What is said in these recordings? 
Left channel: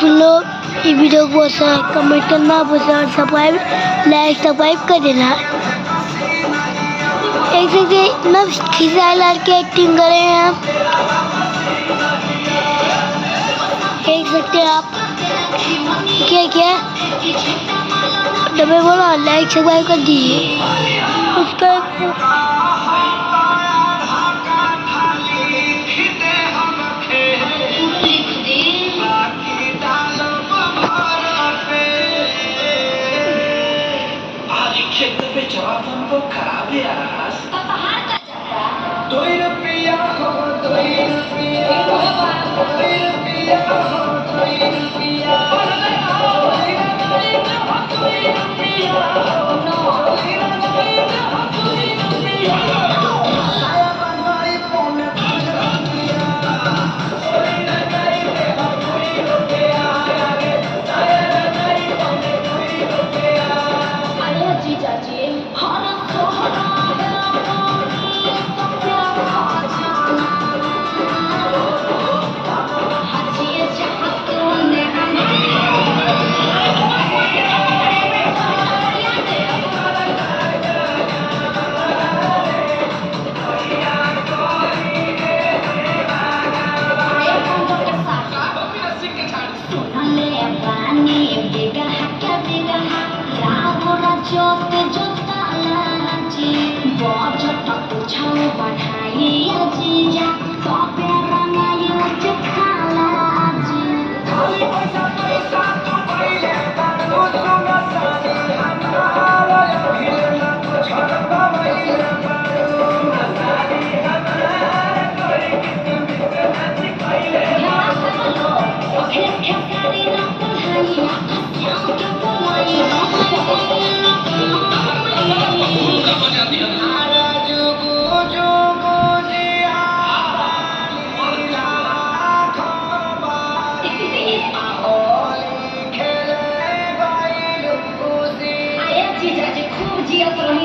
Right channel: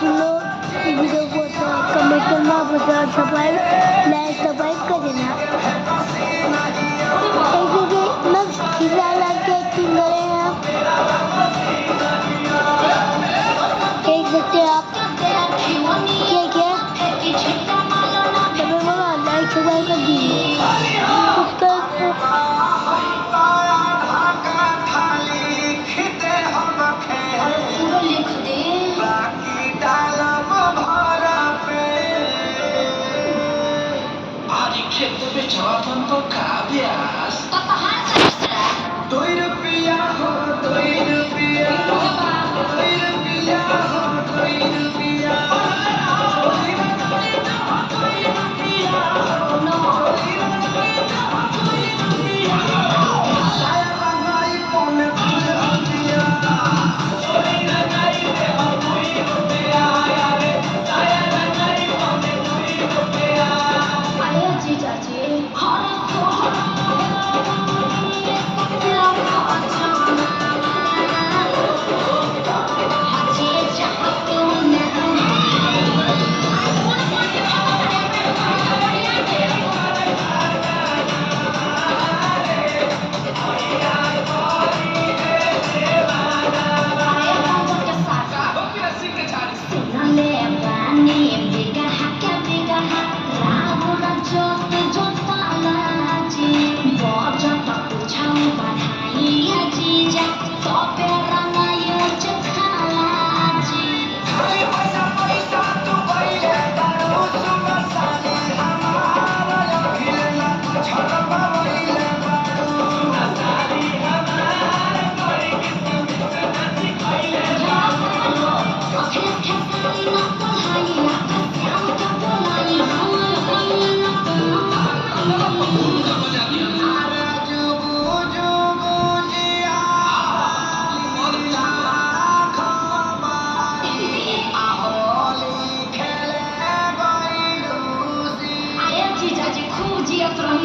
सुन लो ये वीडियो को कमेंट करना, सब्सक्राइब कर देना। एक सेकंड मैं खिसा लाल की एक्टिंग कर रहे हैं, देख सकते हैं आप। क्या तो मैं बोला लाइक सब्सक्राइब कर दीजिए। खेत पे चौथन तो काव्यास ₹2 हो ₹2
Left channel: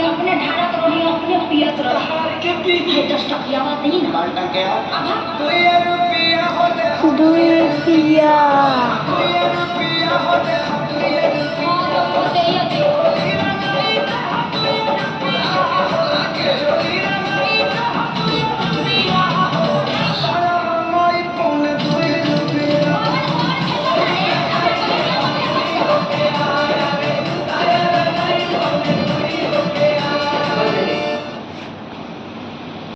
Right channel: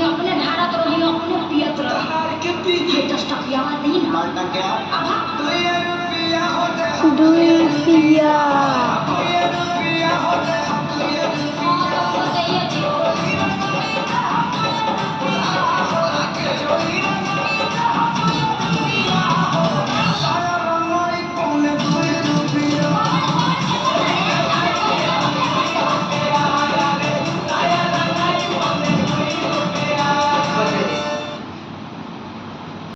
अपने ढाड़त रही अपने पियत रही दस टकिया बात नहीं ना ₹2